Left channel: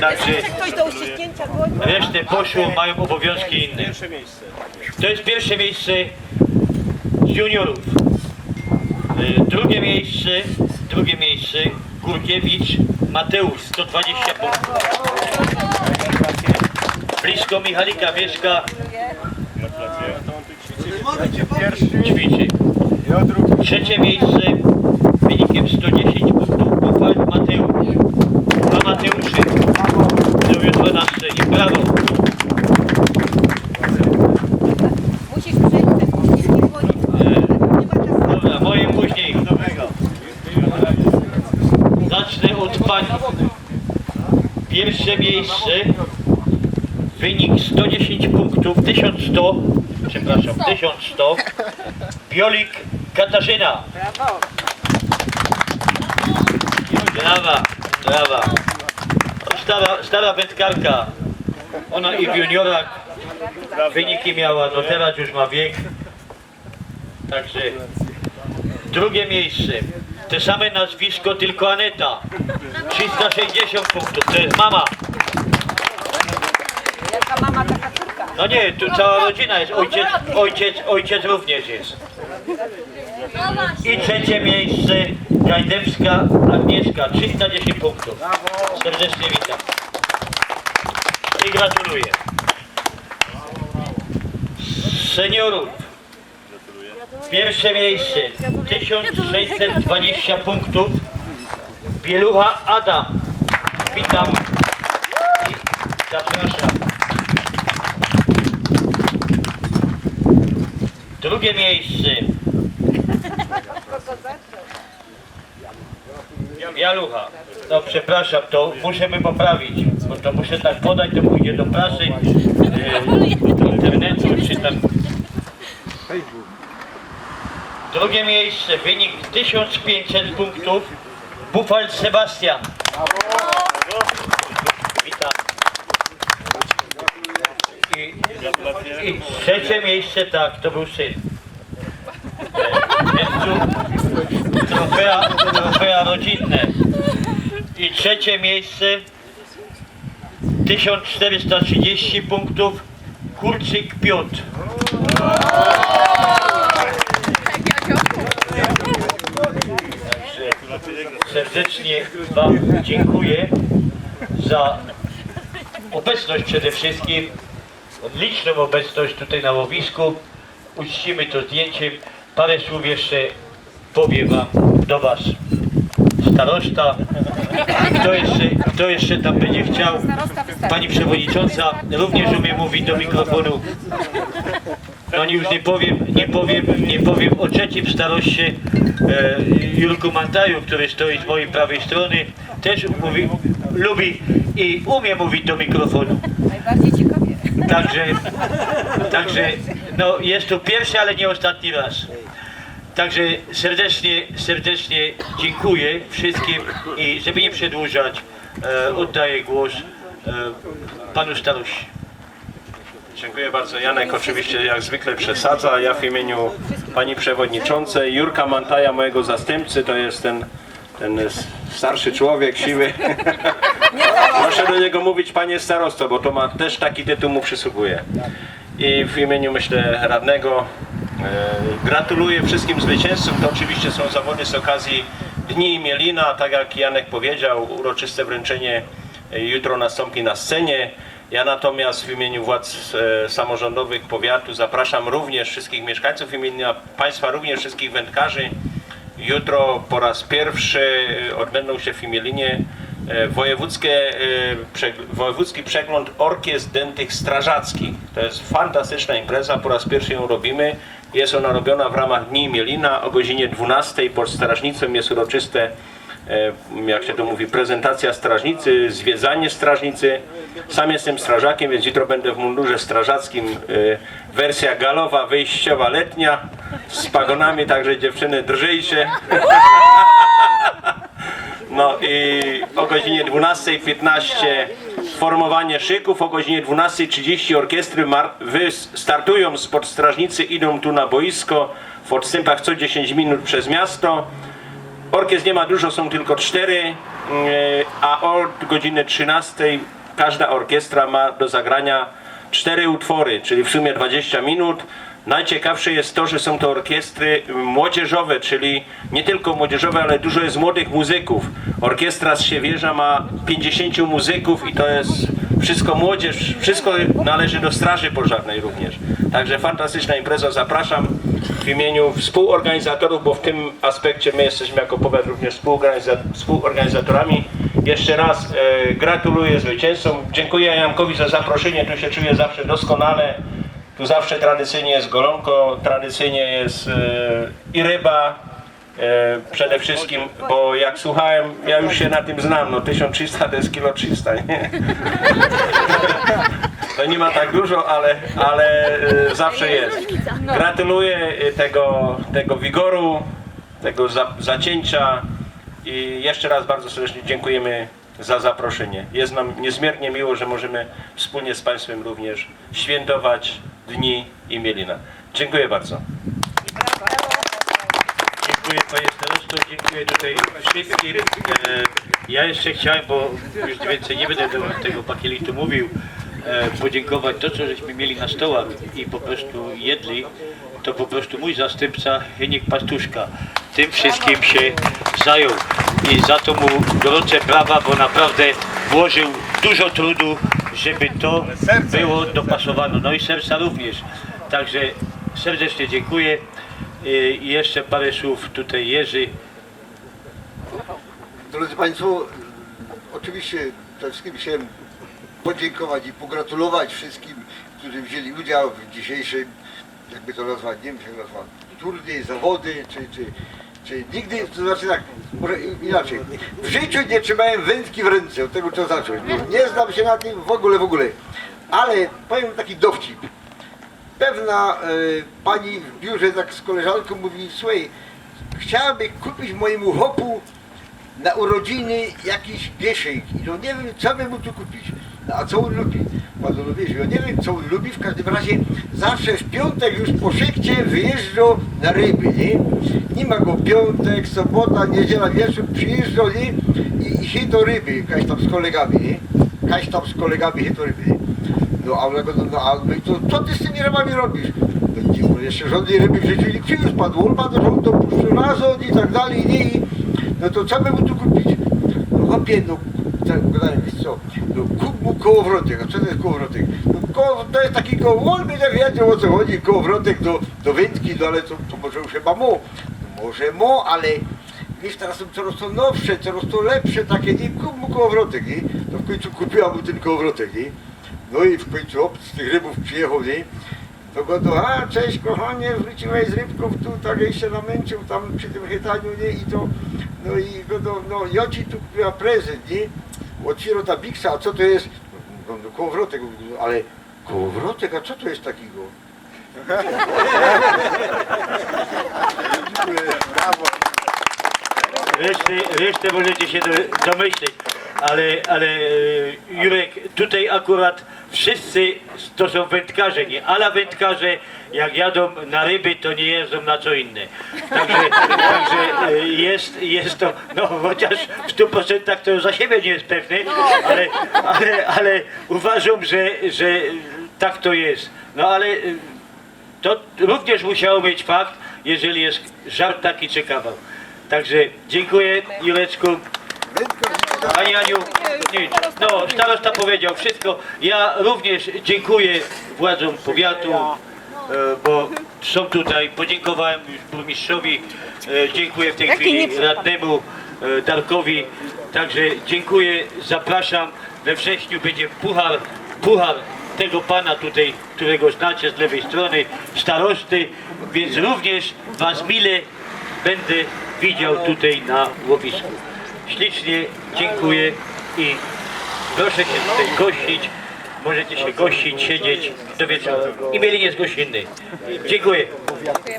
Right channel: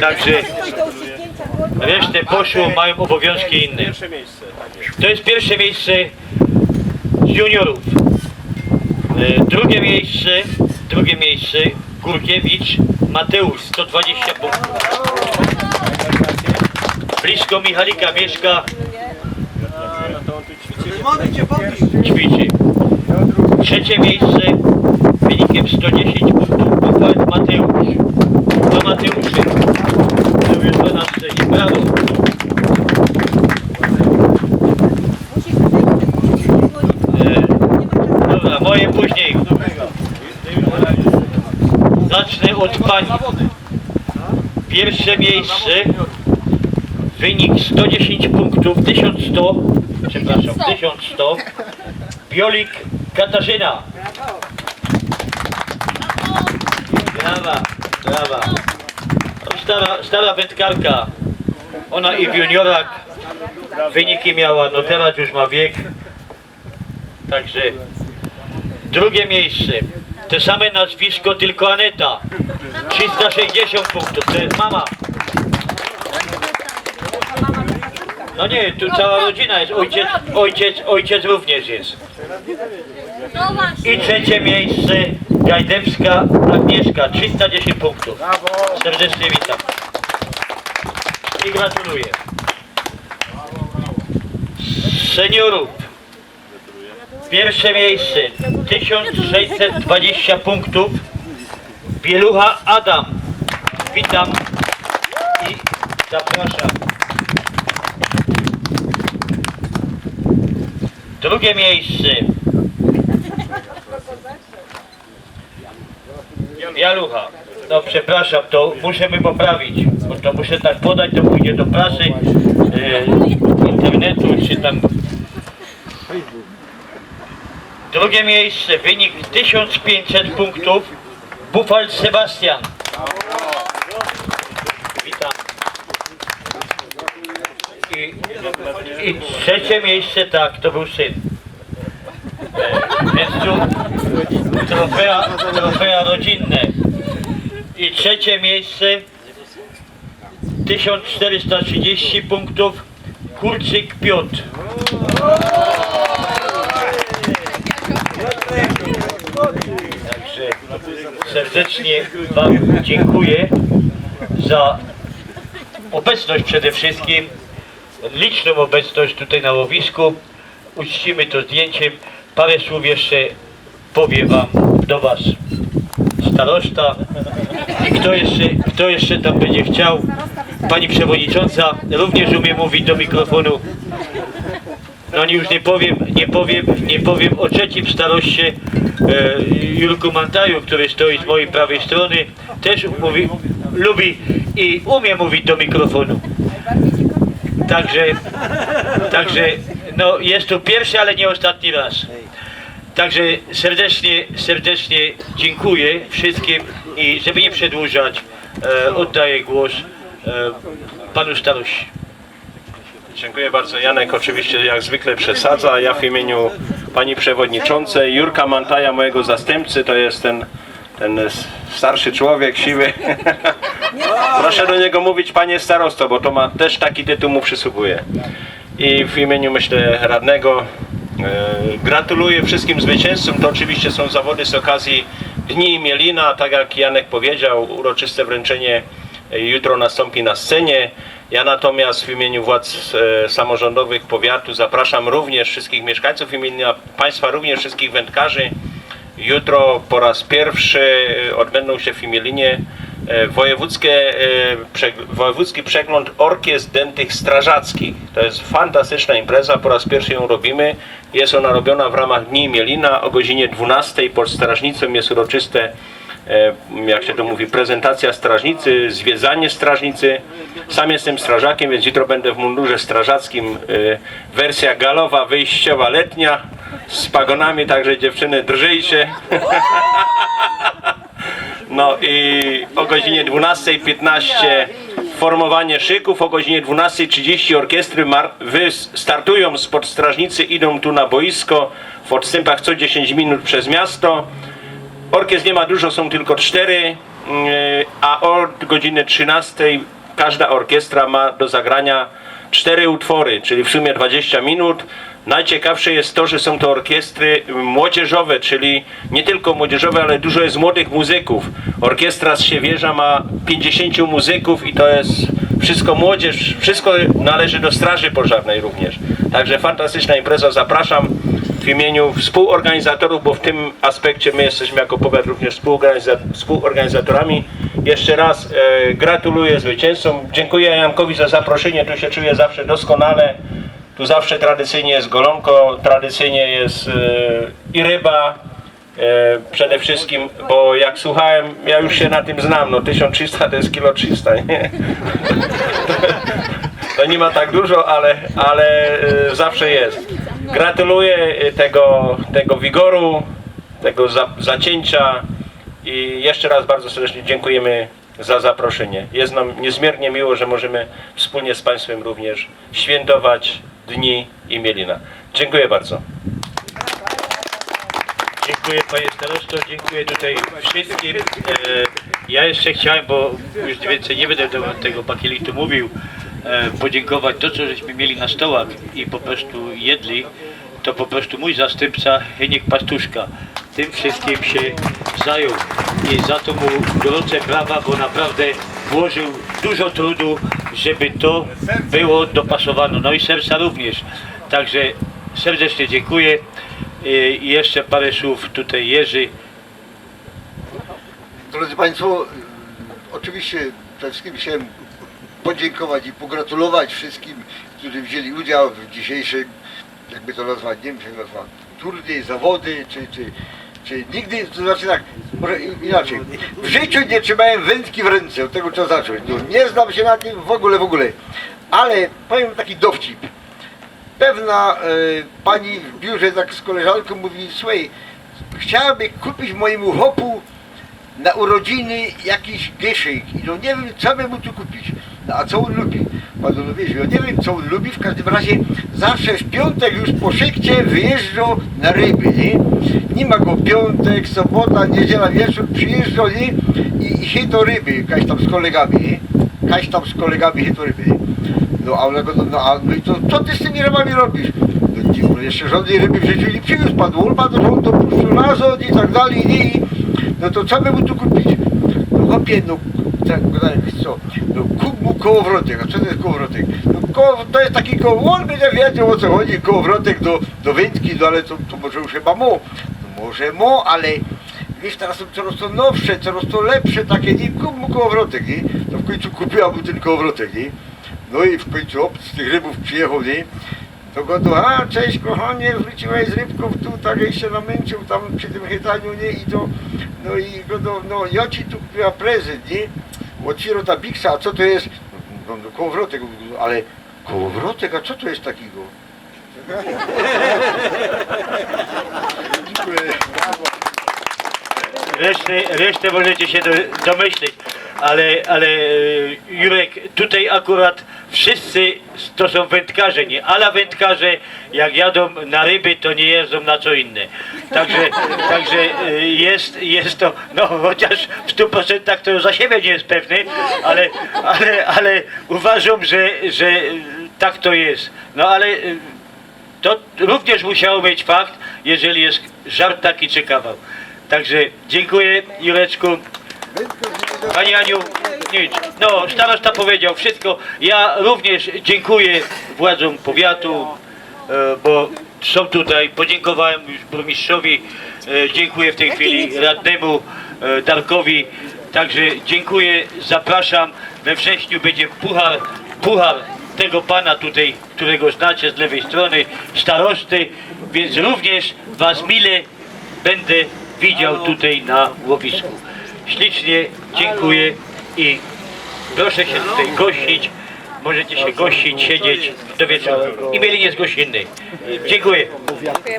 Także resztę poszło, mają obowiązki inne. To jest pierwsze miejsce juniorów. E, Drugie miejsce, drugie miejsce Górkiewicz Mateusz 120 punktów. Blisko Michalika mieszka, ćwiczy. Trzecie miejsce wynikiem 110 punktów Bufalt Mateusz. Dwa. Będą jutro na scenie. Brawo. Musisz przejść przez dłoni. E, Nie ma czasu. Dobra, moje później. Dobrego. Zacznę od pani. Pierwsze miejsce. Wynik 110 punktów, 1100, przepraszam, 1100. Biolik Katarzyna. Brawa, brawa. Stara, stara wędkarka. Ona i w juniorach wyniki miała, no teraz już ma wiek. Także Drugie miejsce. Te same nazwisko, tylko Aneta. 360 punktów. To jest mama. No nie, tu cała rodzina jest. Ojciec, ojciec, ojciec również jest. I trzecie miejsce. Gajdemska Agnieszka. 310 punktów. Serdecznie witam. I gratuluję. Seniorów. Pierwsze miejsce 1620 punktów. Bielucha Adam. Witam i zapraszam. Drugie miejsce. Jalucha. No przepraszam, to musimy poprawić, bo to muszę tak podać, to pójdzie do prasy, e, internetu, czy tam Drugie miejsce, wynik 1500 punktów. Bufal Sebastian. Witam. I, I trzecie miejsce, tak, to był syn. Tu trofea, trofea rodzinne. I trzecie miejsce, 1430 punktów. Kurczyk Piotr. Także serdecznie Wam dziękuję za obecność przede wszystkim, liczną obecność tutaj na łowisku. Uczcimy to zdjęciem. Parę słów jeszcze powie Wam do Was starosta i kto jeszcze, kto jeszcze tam będzie chciał. Pani Przewodnicząca również umie mówić do mikrofonu. No już nie powiem, nie powiem, nie powiem o trzecim staroście e, Jurku Mantaju, który stoi z mojej prawej strony. Też mówi, lubi i umie mówić do mikrofonu. Także, także no jest to pierwszy, ale nie ostatni raz. Także serdecznie, serdecznie dziękuję wszystkim i żeby nie przedłużać, e, oddaję głos e, panu starości. Dziękuję bardzo. Janek oczywiście jak zwykle przesadza. Ja w imieniu pani przewodniczącej Jurka Mantaja, mojego zastępcy, to jest ten, ten starszy człowiek, siwy. Proszę do niego mówić panie starosto, bo to ma też taki tytuł mu przysługuje. I w imieniu myślę radnego e, gratuluję wszystkim zwycięzcom. To oczywiście są zawody z okazji Dni Mielina, tak jak Janek powiedział, uroczyste wręczenie e, jutro nastąpi na scenie. Ja natomiast w imieniu władz e, samorządowych powiatu zapraszam również wszystkich mieszkańców, w imieniu Państwa również wszystkich wędkarzy. Jutro po raz pierwszy e, odbędą się w Imielinie e, wojewódzkie, e, wojewódzki przegląd orkiestr dętych strażackich. To jest fantastyczna impreza, po raz pierwszy ją robimy. Jest ona robiona w ramach Dni Mielina o godzinie 12 pod strażnicą jest uroczyste jak się to mówi, prezentacja strażnicy, zwiedzanie strażnicy. Sam jestem strażakiem, więc jutro będę w mundurze strażackim. Wersja galowa, wyjściowa, letnia, z pagonami, także dziewczyny drżyjcie. No i o godzinie 12.15 formowanie szyków, o godzinie 12.30 orkiestry startują spod strażnicy, idą tu na boisko w odstępach co 10 minut przez miasto. Orkiestr nie ma dużo, są tylko cztery. a od godziny 13 każda orkiestra ma do zagrania cztery utwory, czyli w sumie 20 minut. Najciekawsze jest to, że są to orkiestry młodzieżowe, czyli nie tylko młodzieżowe, ale dużo jest młodych muzyków. Orkiestra z Siewierza ma 50 muzyków i to jest wszystko młodzież, wszystko należy do Straży Pożarnej również. Także fantastyczna impreza, zapraszam w imieniu współorganizatorów, bo w tym aspekcie my jesteśmy jako powiat również współorganiza- współorganizatorami. Jeszcze raz e, gratuluję zwycięzcom. Dziękuję Jankowi za zaproszenie, tu się czuję zawsze doskonale. Tu zawsze tradycyjnie jest golonko, tradycyjnie jest e, i ryba, e, przede wszystkim, bo jak słuchałem, ja już się na tym znam, no 1300 to jest kilo 300, nie? To nie ma tak dużo, ale, ale e, zawsze jest. Gratuluję tego, tego wigoru, tego za, zacięcia i jeszcze raz bardzo serdecznie dziękujemy za zaproszenie. Jest nam niezmiernie miło, że możemy wspólnie z Państwem również świętować Dni Imielina. Dziękuję bardzo. Dziękuję panie starosto, dziękuję tutaj wszystkim. E, Ja jeszcze chciałem, bo już więcej nie będę do tego bakielitu mówił, e, podziękować to, co żeśmy mieli na stołach i po prostu jedli, to po prostu mój zastępca Heniek Pastuszka tym wszystkim się zajął i za to mu gorące brawa, bo naprawdę włożył dużo trudu, żeby to było dopasowane, no i serca również. Także serdecznie dziękuję. I jeszcze parę słów tutaj Jerzy. Drodzy Państwo, oczywiście przede wszystkim chciałem podziękować i pogratulować wszystkim, którzy wzięli udział w dzisiejszym, jakby to nazwać, nie wiem jak nazwać, turniej, zawody, czy, czy, czy nigdy, to znaczy tak, może inaczej, w życiu nie trzymałem wędki w ręce, od tego trzeba zacząć, no, nie znam się na tym w ogóle, w ogóle, ale powiem taki dowcip. Pewna e, pani w biurze tak z koleżanką mówi, słuchaj, chciałaby kupić mojemu hopu na urodziny jakiś gieszyk i no nie wiem co by mu tu kupić. No a co on lubi? Pan no wiesz, ja nie wiem co on lubi, w każdym razie zawsze w piątek już po szykcie wyjeżdża na ryby, nie? Nie ma go piątek, sobota, niedziela, wieczór, przyjeżdża, nie? I, i chyto ryby, kaś tam z kolegami, nie? Kaś tam z kolegami chyto ryby, nie? No a ona go, no, no, a, no i to co ty z tymi rybami robisz? No nie, jeszcze żadnej ryby w życiu nie przywiózł pan, on pan że on dopuszcza razon i tak dalej, nie? I, no to co by mu tu kupić? No chłopie, no tak gadałem, wiesz co, no kup mu kołowrotek, a co to jest kołowrotek? No koło, to jest taki koło, on będzie wiedział o co chodzi, kołowrotek do, do wędki, no ale to, to może już chyba mo. No może mo, ale wiesz, teraz są coraz to nowsze, coraz to lepsze takie, nie, kup mu kołowrotek, nie? To w końcu kupiła mu ten kołowrotek, nie? No i w końcu op, z tych rybów przyjechał, nie? To go do, a cześć kochanie, wróciłeś z rybków tu, tak jak się namęczył tam przy tym chytaniu, nie? I to, no i go do, no ja ci tu kupiła prezent, nie? Otwierał ta biksa, a co to jest? No, no kołowrotek, ale kołowrotek, a co to jest takiego? Dziękuję. Brawo. Resztę, resztę możecie się do, domyśleć, ale, ale e, Jurek, tutaj akurat wszyscy to są wędkarze, nie? Ale wędkarze jak jadą na ryby, to nie jeżdżą na co inne. Także, także e, jest, jest to, no chociaż w 100% to za siebie nie jest pewny, ale, ale, ale uważam, że, że tak to jest. No ale e, to również musiało mieć fakt, jeżeli jest żart taki czy kawał. Także dziękuję Jureczku. Pani Aniu, nic. No, starosta powiedział wszystko. Ja również dziękuję władzom powiatu, e, bo są tutaj. Podziękowałem już burmistrzowi. e, Dziękuję w tej chwili radnemu e, Darkowi. Także dziękuję, zapraszam. We wrześniu będzie puchar, puchar tego pana tutaj, którego znacie z lewej strony, starosty, więc również Was mile będę widział tutaj na łowisku. Ślicznie dziękuję i proszę się tutaj gościć. Możecie się gościć, siedzieć do wieczoru. I mieli gościnny. Dziękuję.